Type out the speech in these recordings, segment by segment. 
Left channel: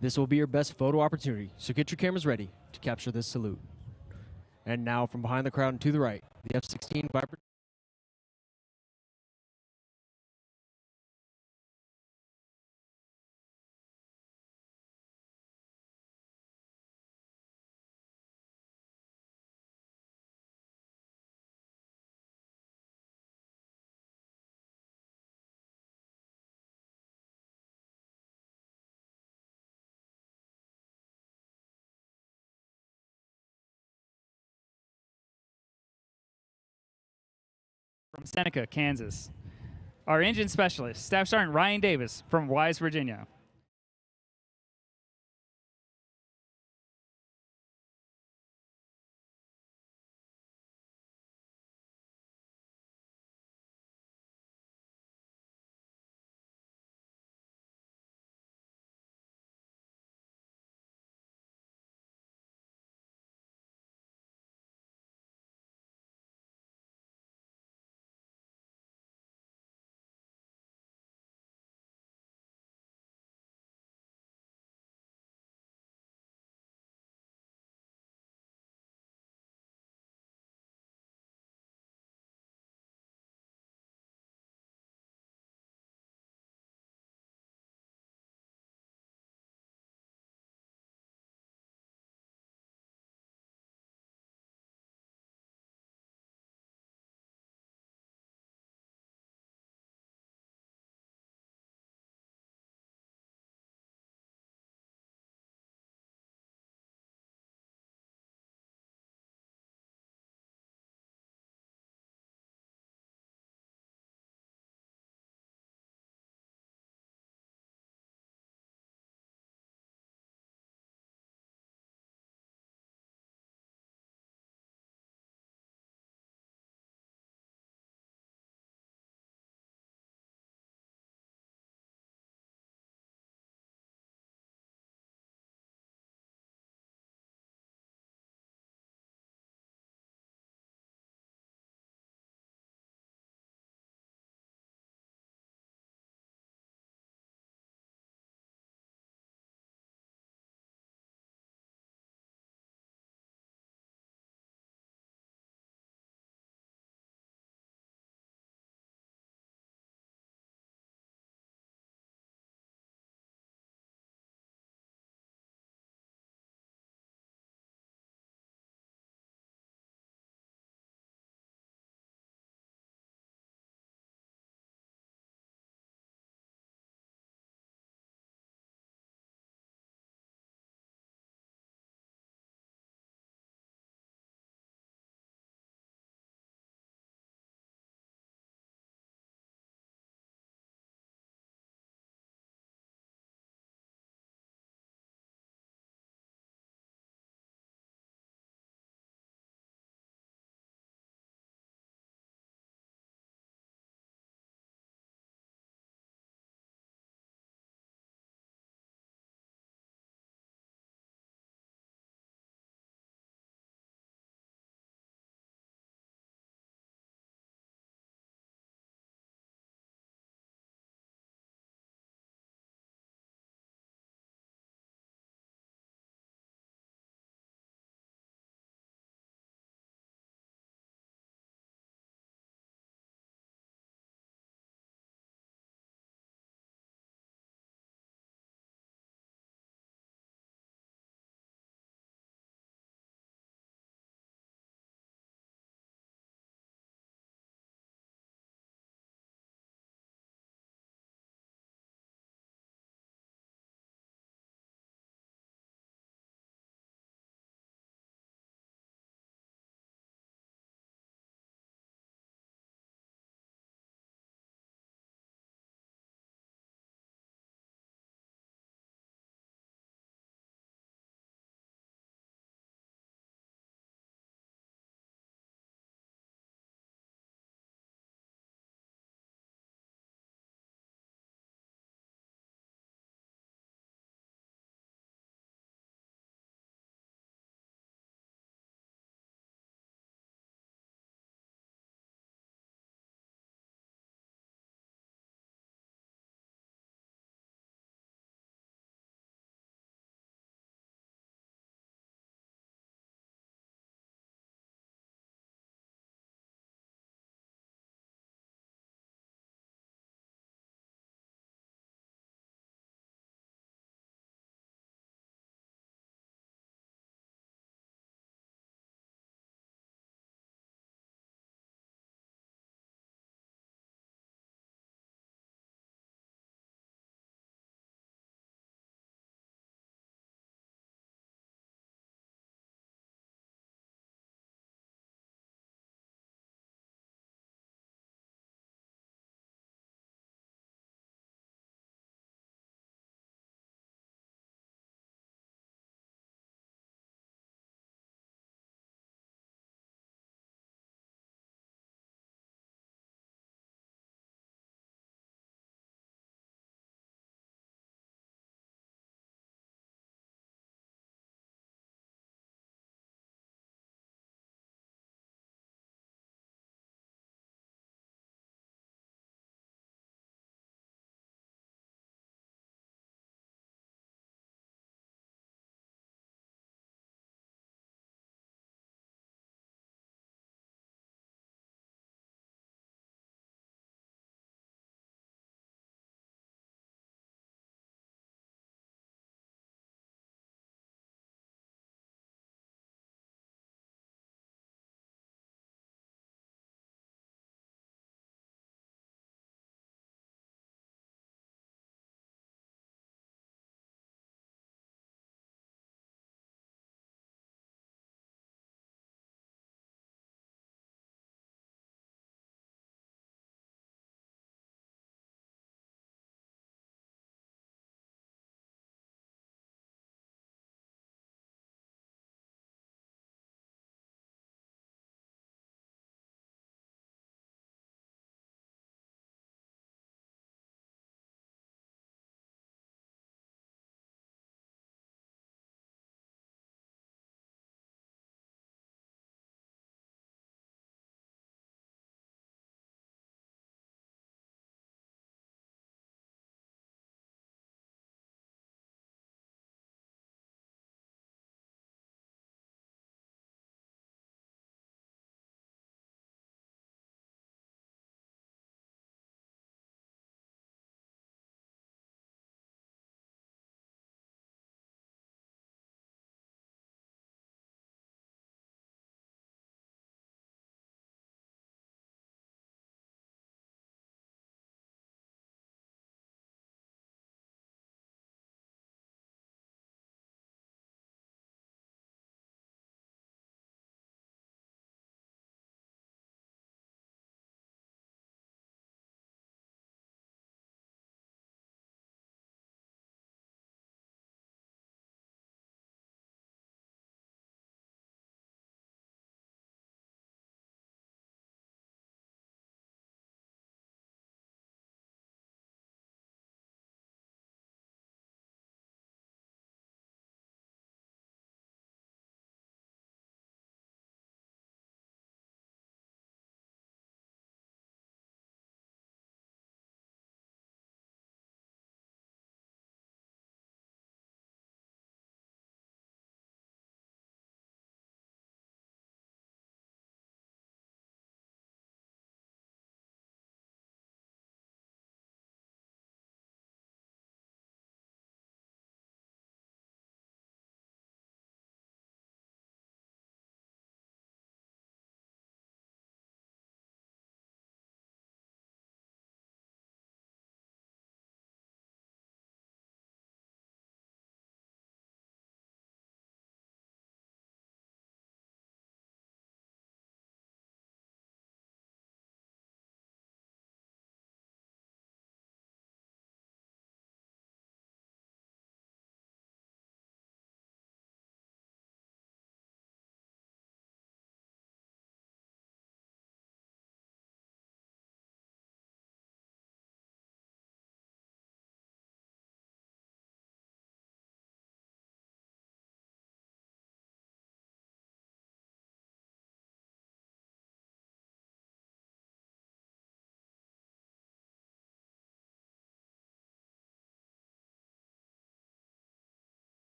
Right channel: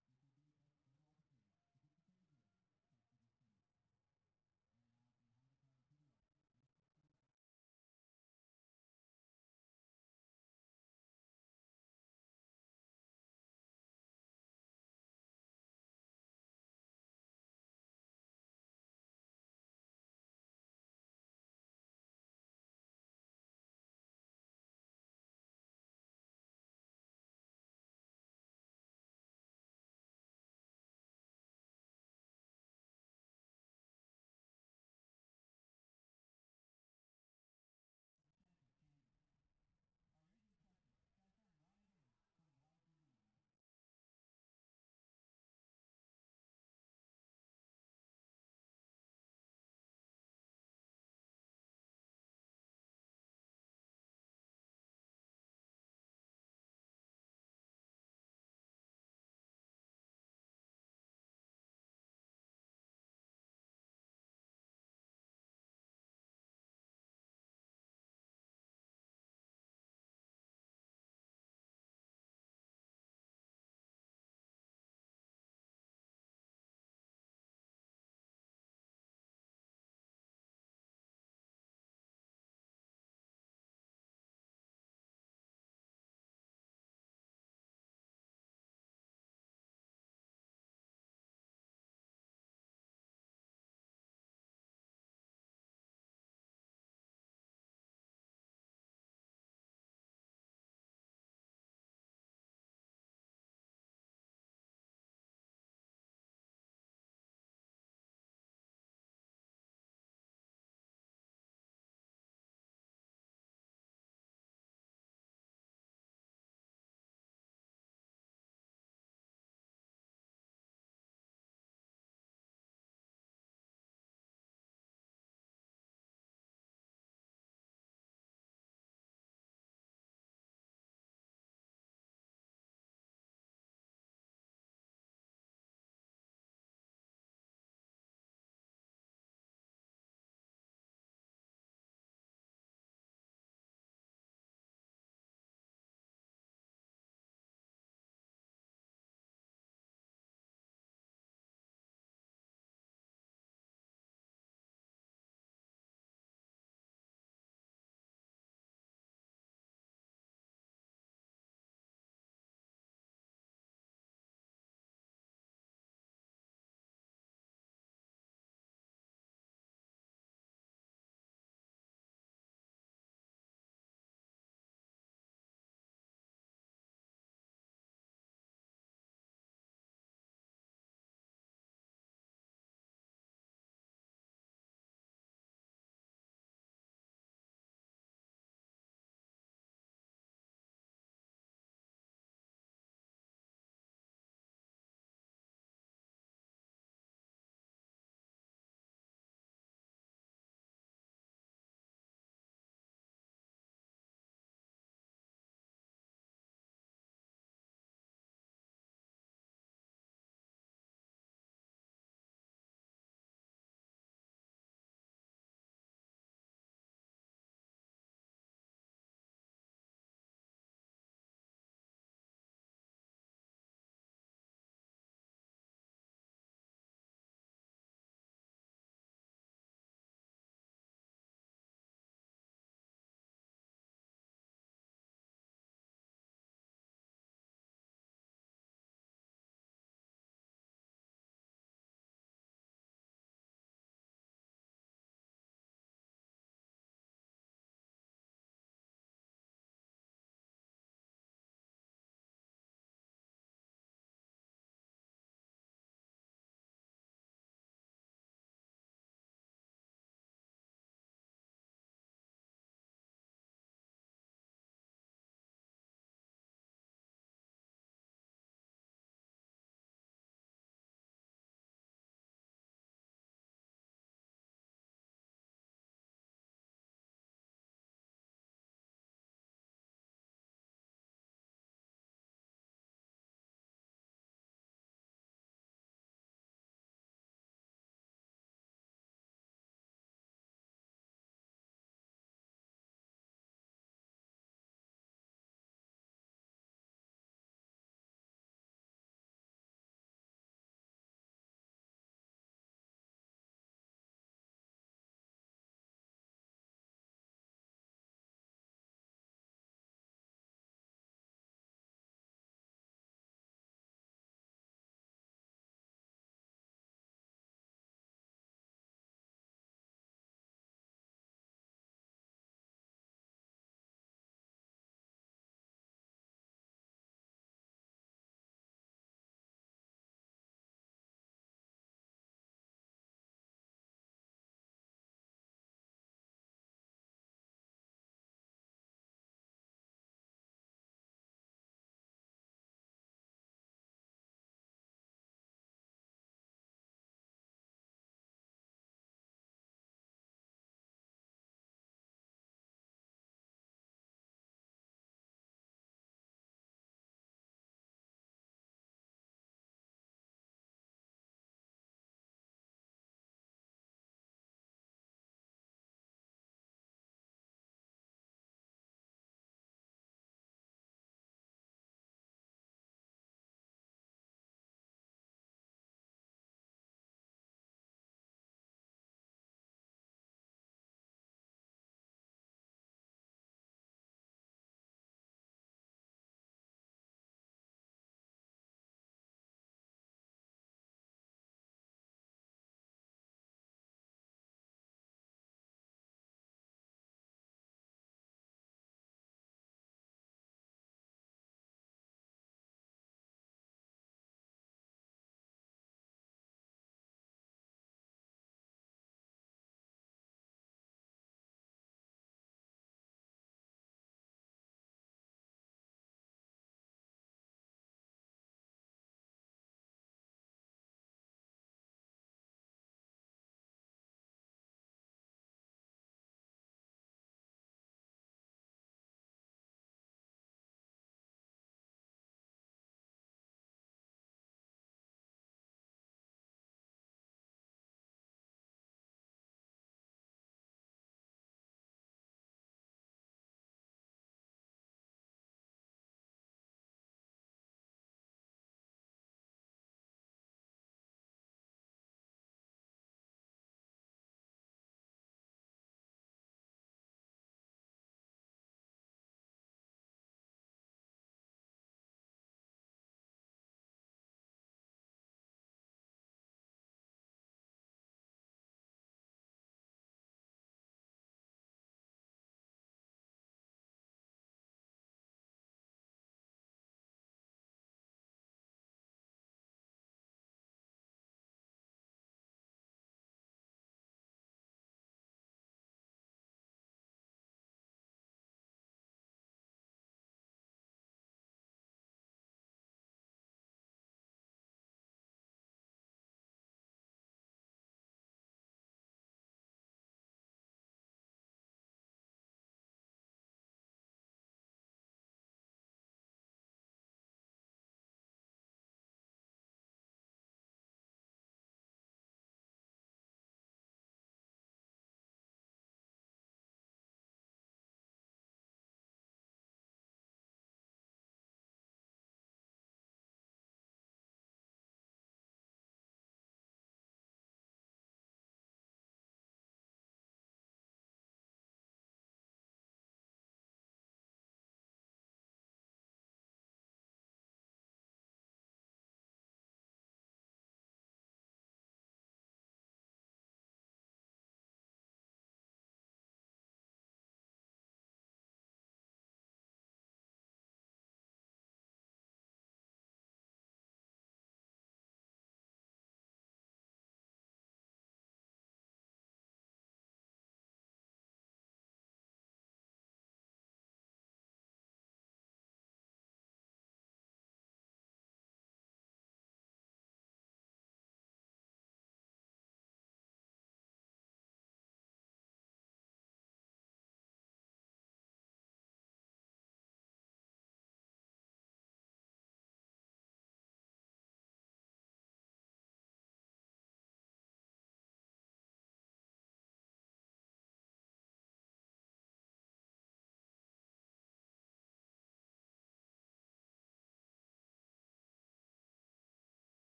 This will be your best photo opportunity, so get your cameras ready to capture this salute. And now, from behind the crowd and to the right, the F-16 Viper. From Seneca, Kansas. Our engine specialist, Staff Sergeant Ryan Davis from Wise, Virginia.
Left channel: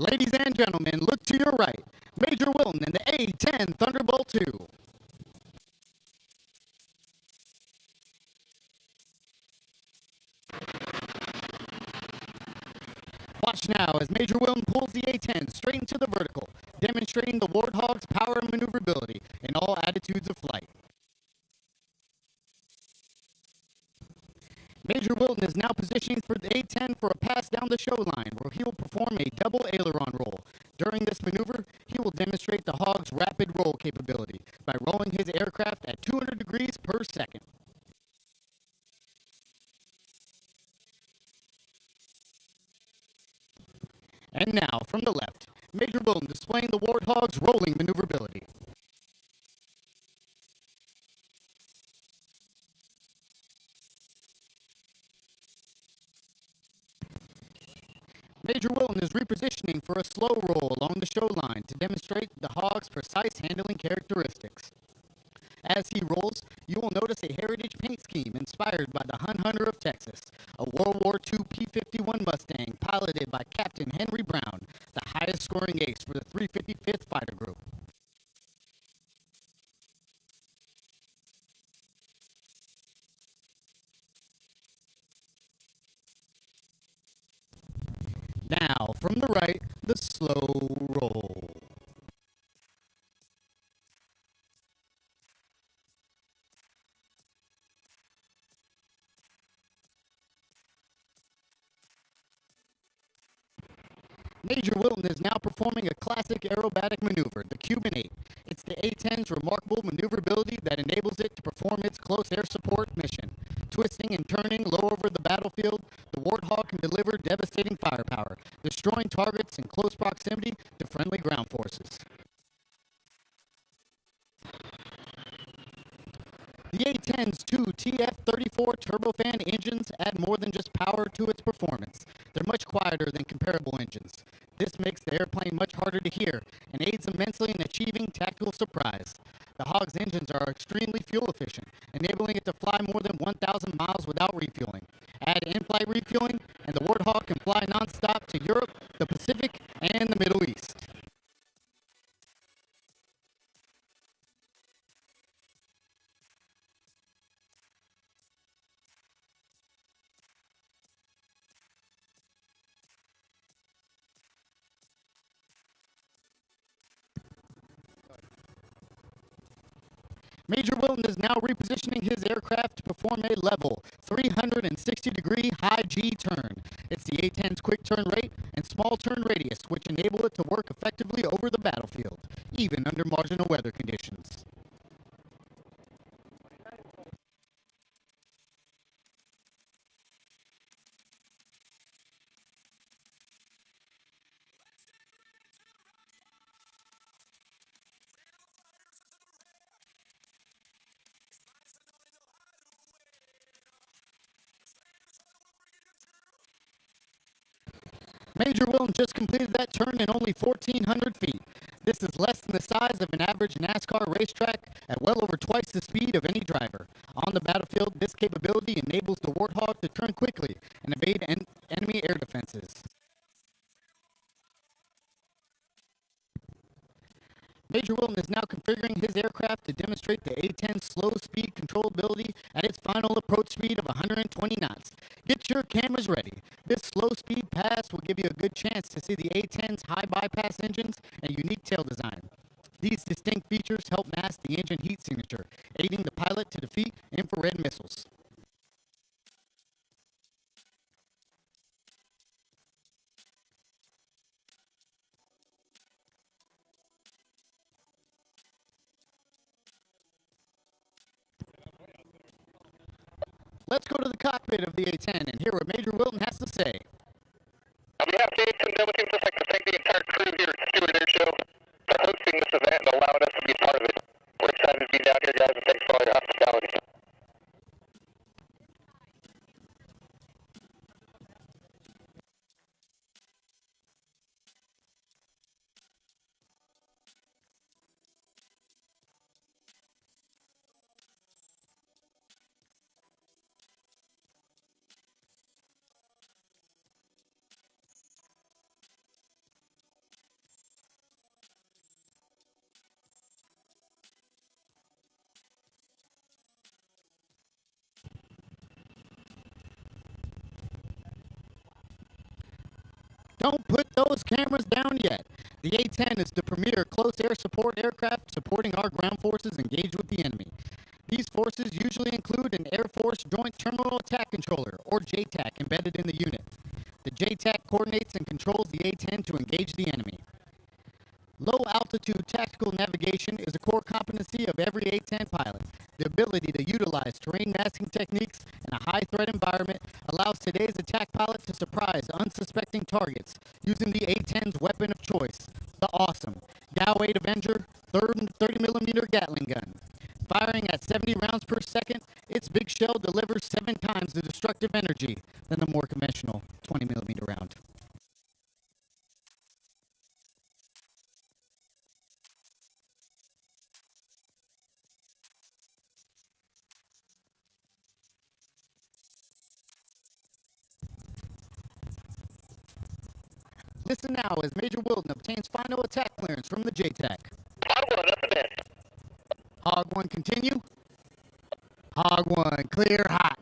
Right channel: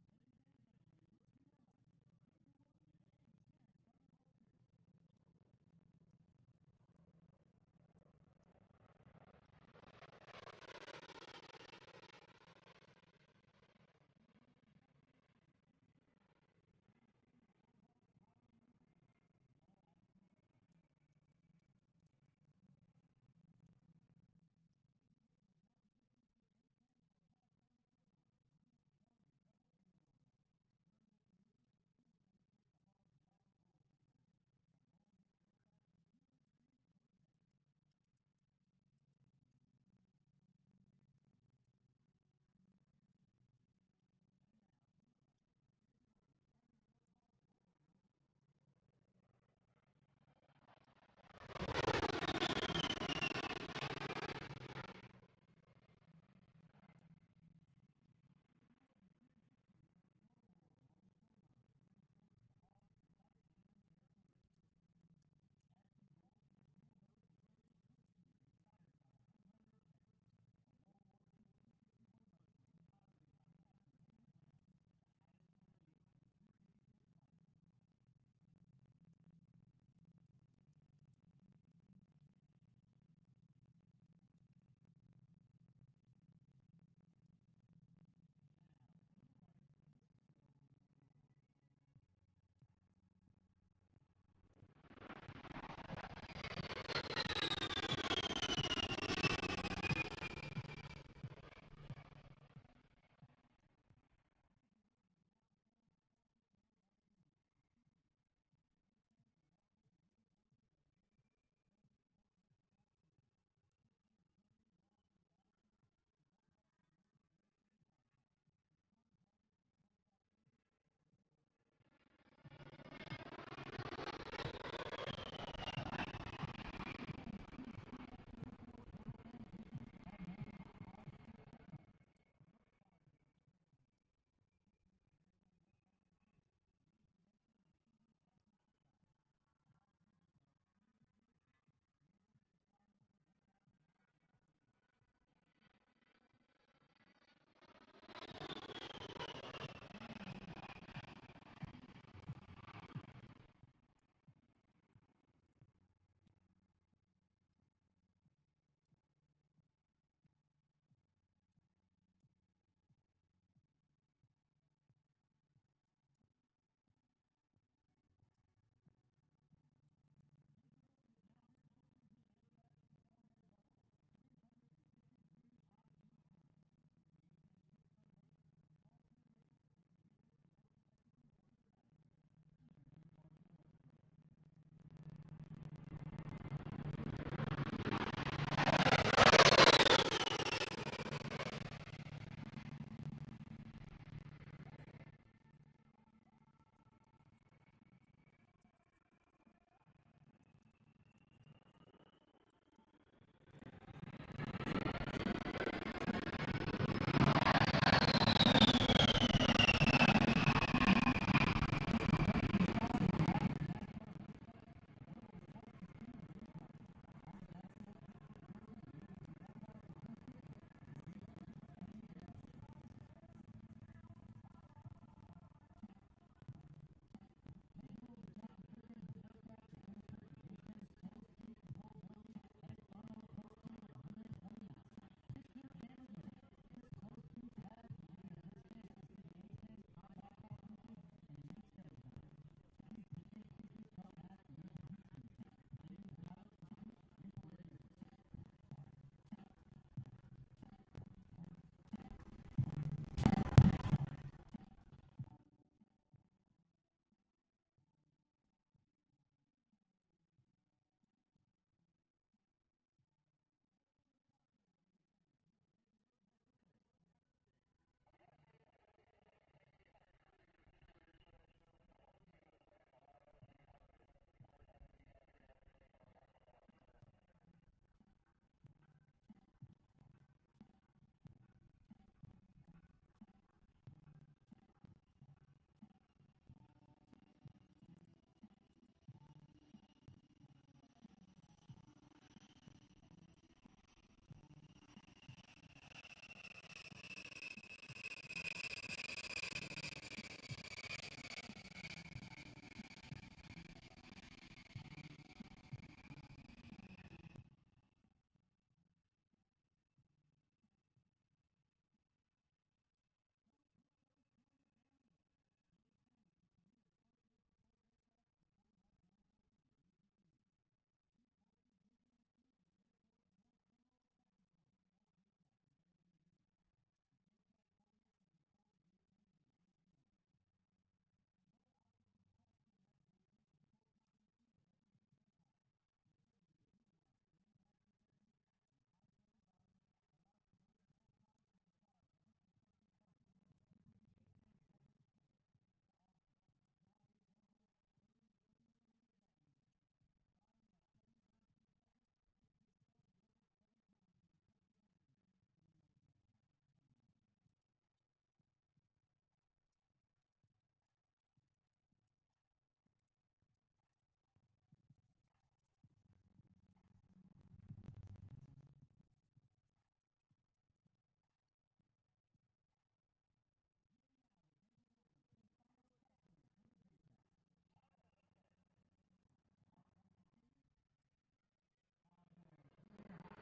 Ladies and gentlemen, look to your right. Major Wilton and the A-10 Thunderbolt II. Watch now as Major Wilton pulls the A-10 straight into the vertical, demonstrating the Warthog's power and maneuverability in all attitudes of flight. Major Wilton is now positioning for the A-10 for a pass down the show line, where he will perform a double aileron roll. During this maneuver, he will demonstrate the Hog's rapid roll capability by rolling his aircraft at 200 degrees per second. And now, from the left, Major Wilton displaying the Warthog's rolling maneuverability. Major Wilton is repositioning for a slow roll along the show line to demonstrate the Hog's precise handling characteristics. As he rolls, you will notice a heritage paint scheme inspired by the Hun Hunter of Texas, a World War II P-51 Mustang piloted by Captain Henry Brown, the highest scoring ace for the 355th Fighter Group. Now, from the right, the slow roll. Major Wilton is now performing a classic aerobatic maneuver, the Cuban 8. It's the A-10's remarkable maneuverability that enables it to perform its close air support mission. Twisting and turning low over the battlefield, the Warthog can deliver devastating firepower, destroying targets in close proximity to friendly ground forces. The A-10's two TF-34 turbofan engines add more than just power to its performance. They're much quieter than comparable engines. This makes the airplane much harder to hear and aids immensely in achieving tactical surprise. The Hog's engines are extremely fuel efficient, enabling it to fly more than 1,000 miles without refueling. Add in-flight refueling, and the Warthog can fly nonstop to Europe, the Pacific, and the Middle East. Major Wilton is now repositioning his aircraft to perform a level 360-degree high G turn. It's the A-10's quick turn rate and small turn radius, which enable it to work effectively over the battlefield, even under marginal weather conditions. Major Wilton just completed that turn in only 1,400 feet. This is less than the size of an average NASCAR racetrack at well over twice the speed of any driver. On the battlefield, this capability enables the Warthog to turn quickly and evade enemy air defenses. Major Wilton is now configuring his aircraft to demonstrate the A-10's slow speed controllability at its final approach speed of 120 knots. Get your cameras ready. This slow speed pass will give you a good chance to see the A-10's high bypass engines and unique tail design. These distinct features help mask the engine heat signature, aiding the pilot to defeat infrared missiles. Let's go to the cockpit of the A-10 and hear what Major Wilton has to say. On behalf of the A-10 I'd just like to thank the entire crew here at Stuart Air Show for hosting this event and allowing us to be a part of it. We're excited to be down here, guys, and thanks for all your hospitality. Don't put those cameras down yet. The A-10 is the premier close air support aircraft supporting our ground forces engaged with the enemy. These forces usually include an Air Force Joint Terminal Attack Controller, or JTAC, embedded in the unit. The JTAC coordinates and controls the A-10 to engage the enemy. Low-altitude tactical navigation is a core competency of every A-10 pilot. The ability to utilize terrain masking techniques in a high-threat environment allows today's attack pilot to surprise unsuspecting targets using the A-10's weapon of choice, the awesome Dow-8 Avenger 30mm Gatling gun. Firing at 70 rounds per second, its big shell delivers 7 times the destructive energy than the more conventional 20mm round. Listen now as Major Wilden obtains final attack clearance from the JTAC. Hog 1, up and in. Hog 1 continue. Hog 1 clear hot.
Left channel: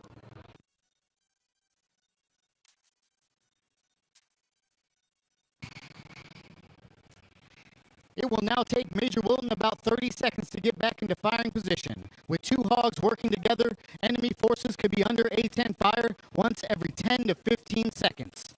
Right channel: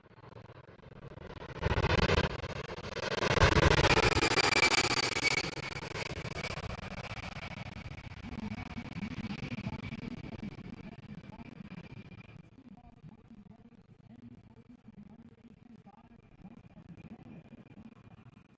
It will now take Major Wilden about 30 seconds to get back into firing position. With 2 hogs working together, enemy forces could be under A-10 fire once every 10 to 15 seconds.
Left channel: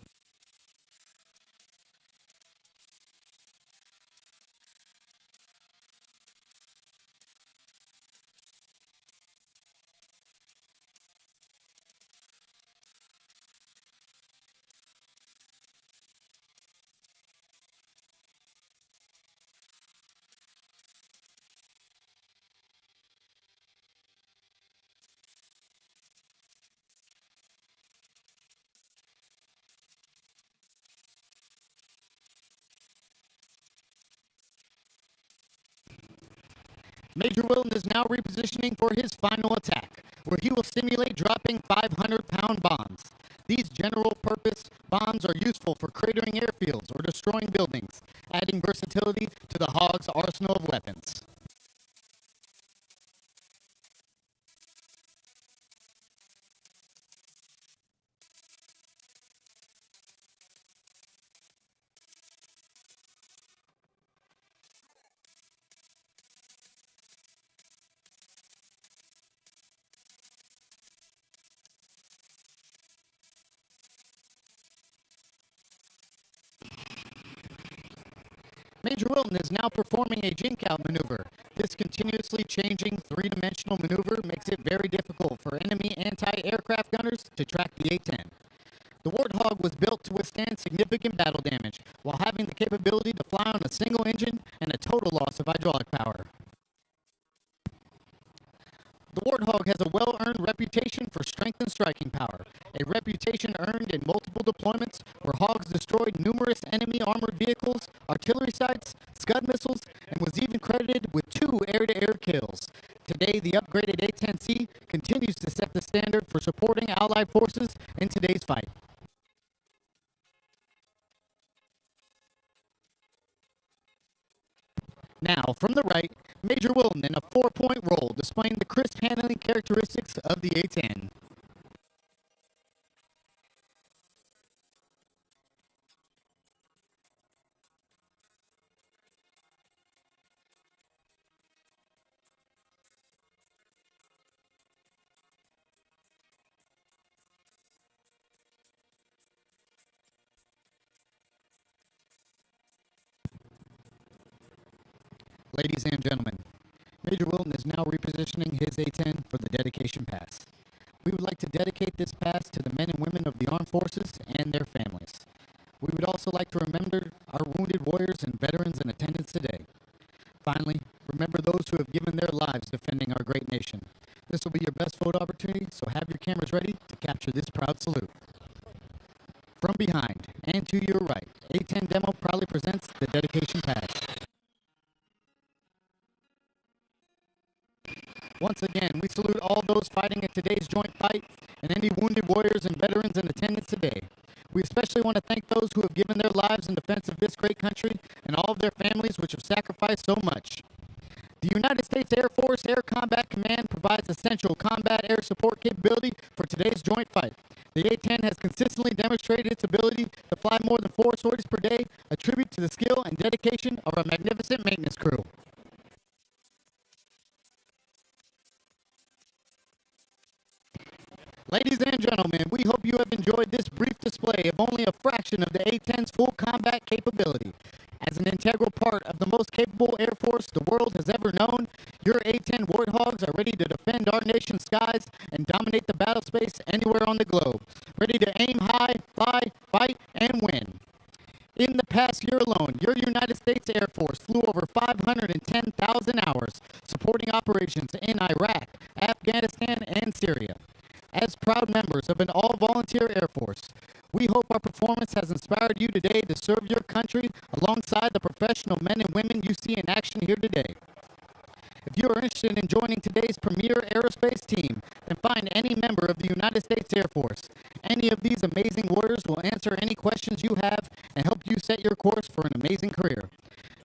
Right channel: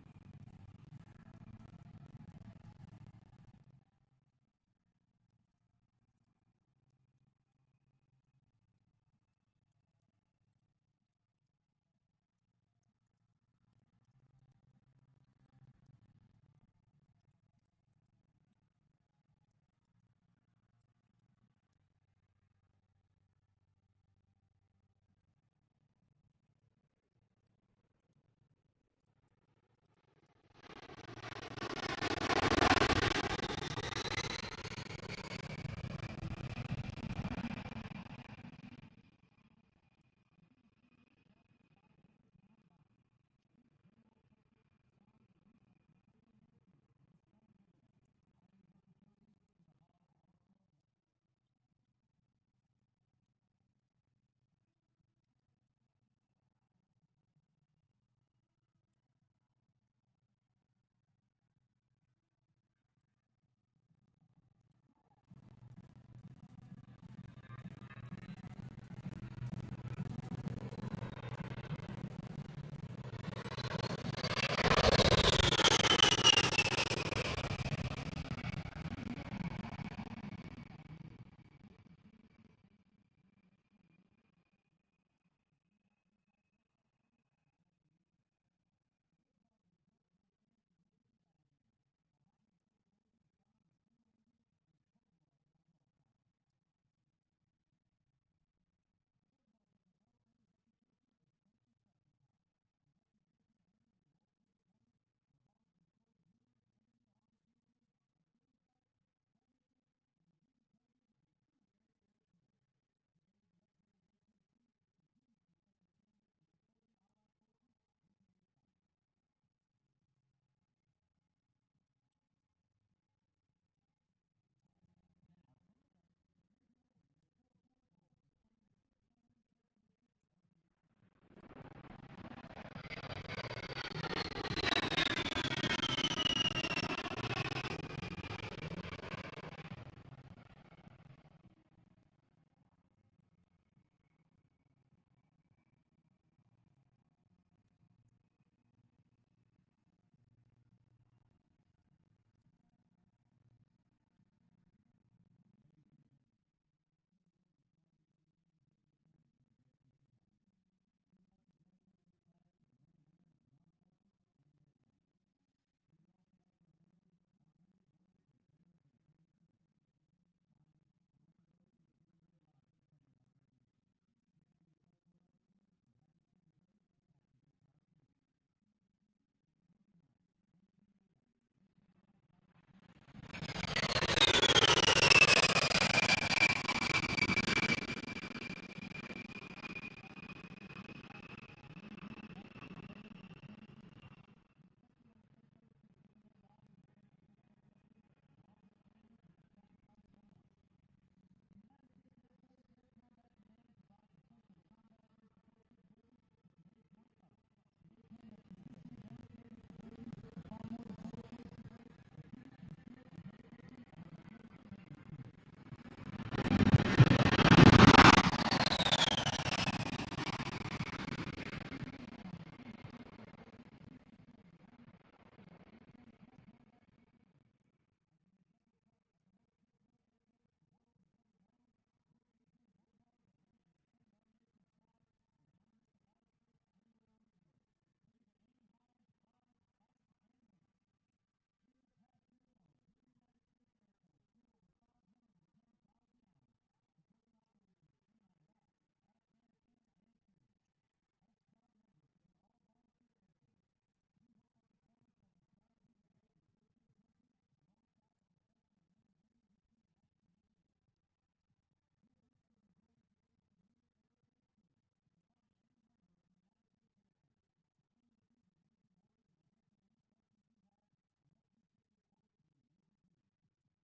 Major Wilden is now repositioning for his final attack, where he will simulate dropping 500-pound bombs. These general-purpose bombs are useful for cratering airfields or destroying buildings, adding versatility to the Hog's arsenal of weapons. Major Wilden is now performing a jink-out maneuver. This continuously changing 3-dimensional maneuver makes it very difficult for enemy anti-aircraft gunners to track the A-10. The Warthog was built to withstand significant battle damage while having the capability to fly on a single engine and a total loss of hydraulic power. The Warthog has a well-earned reputation for strength and striking power, a reputation earned in multiple deployments where Hogs destroyed numerous enemy armored vehicles, artillery sites, Scud missiles, and was even credited with 2 air-to-air kills. Today, the upgraded A-10C continues to set the standard for supporting Allied forces in today's fight. Now, from the right, Major Wilden in a 4-point roll, displaying the crisp handling characteristics of the A-10. Ladies and gentlemen, Major Wilden is now repositioning his A-10 for the dedication pass. We would like to dedicate this pass to the men and women of the armed forces and their families. We would also like to remember our wounded warriors and veterans in attendance today. Finally, remember those who have given their lives defending our great nation. This will be your best photo opportunity, so have your cameras ready to capture this proud salute. From behind and to your right, A-10 Demo proudly presents the dedication pass. Once again, we salute all those fighting in today's joint fight and any wounded warriors and veterans in attendance today. We especially want to thank those who have given their lives in defense of this great country and all of their families which have sacrificed so much. The United States Air Force Air Combat Command provides essential combat air support capability for today's joint fight. The A-10 has consistently demonstrated its ability to fly more than 4 sorties per day, a tribute to the skill and dedication of our magnificent maintenance crew. Ladies and gentlemen, we hope you have enjoyed this brief display of only a fraction of the A-10's full combat capability. As an integral part of the most capable Air Force the world has ever known, your A-10 Warthogs are ready to defend our nation's skies and dominate the battle space anywhere on the globe, ready to aim high, fly, fight, and win. In the past year alone, your United States Air Force flew over 510,000 hours, supporting operations in Iraq, Afghanistan, and Syria. As proud members of an all-volunteer Air Force, we hope our performance has inspired you today to serve your country alongside the professional men and women you see in action here today. If you are interested in joining today's premier aerospace team, then find any member of the United States Air Force. Any of these amazing warriors will answer any questions you have and help you set your course for an amazing career.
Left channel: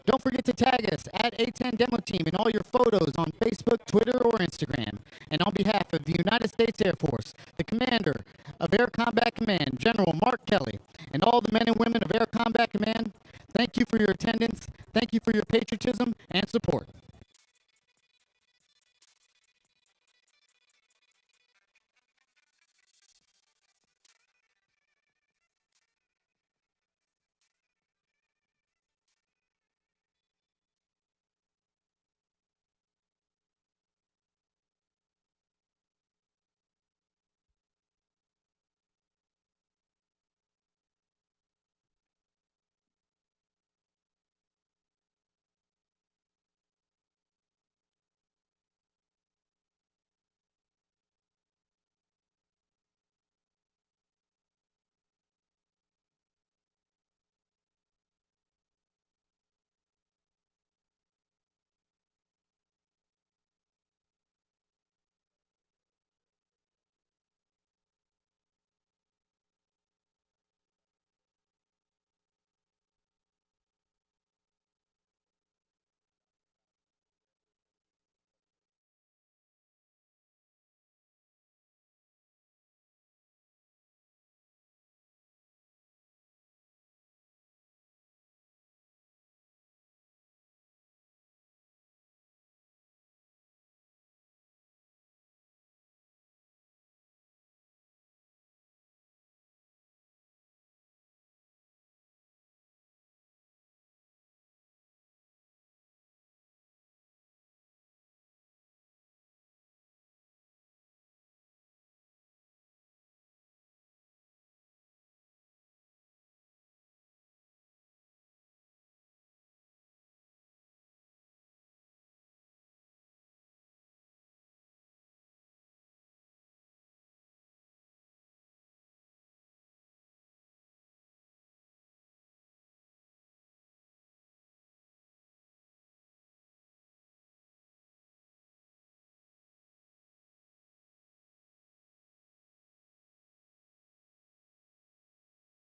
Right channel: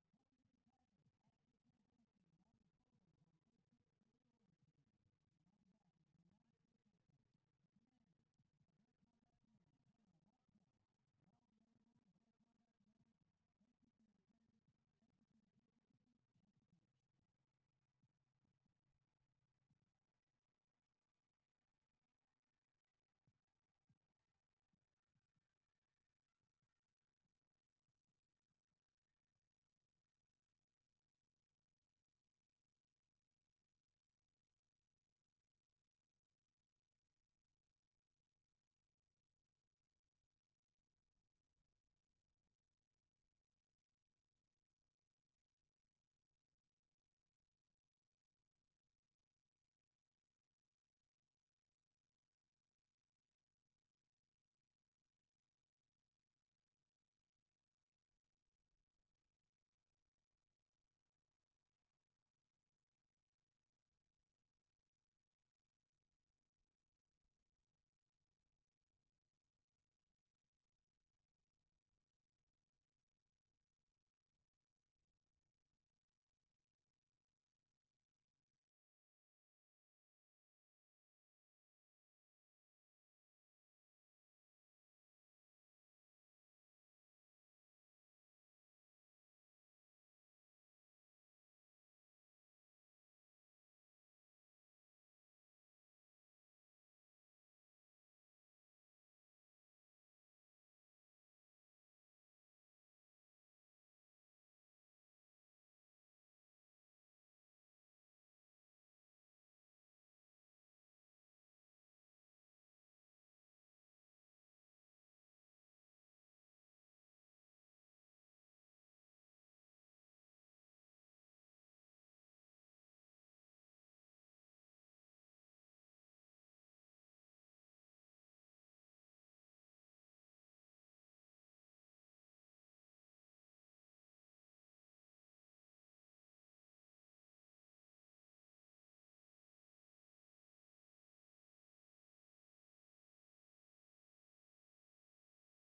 Don't forget to tag us at A-10 Demo Team in all your photos on Facebook, Twitter, or Instagram. And on behalf of the United States Air Force, the Commander of Air Combat Command, General Mark Kelly, and all the men and women of Air Combat Command, thank you for your attendance, thank you for your patriotism and support.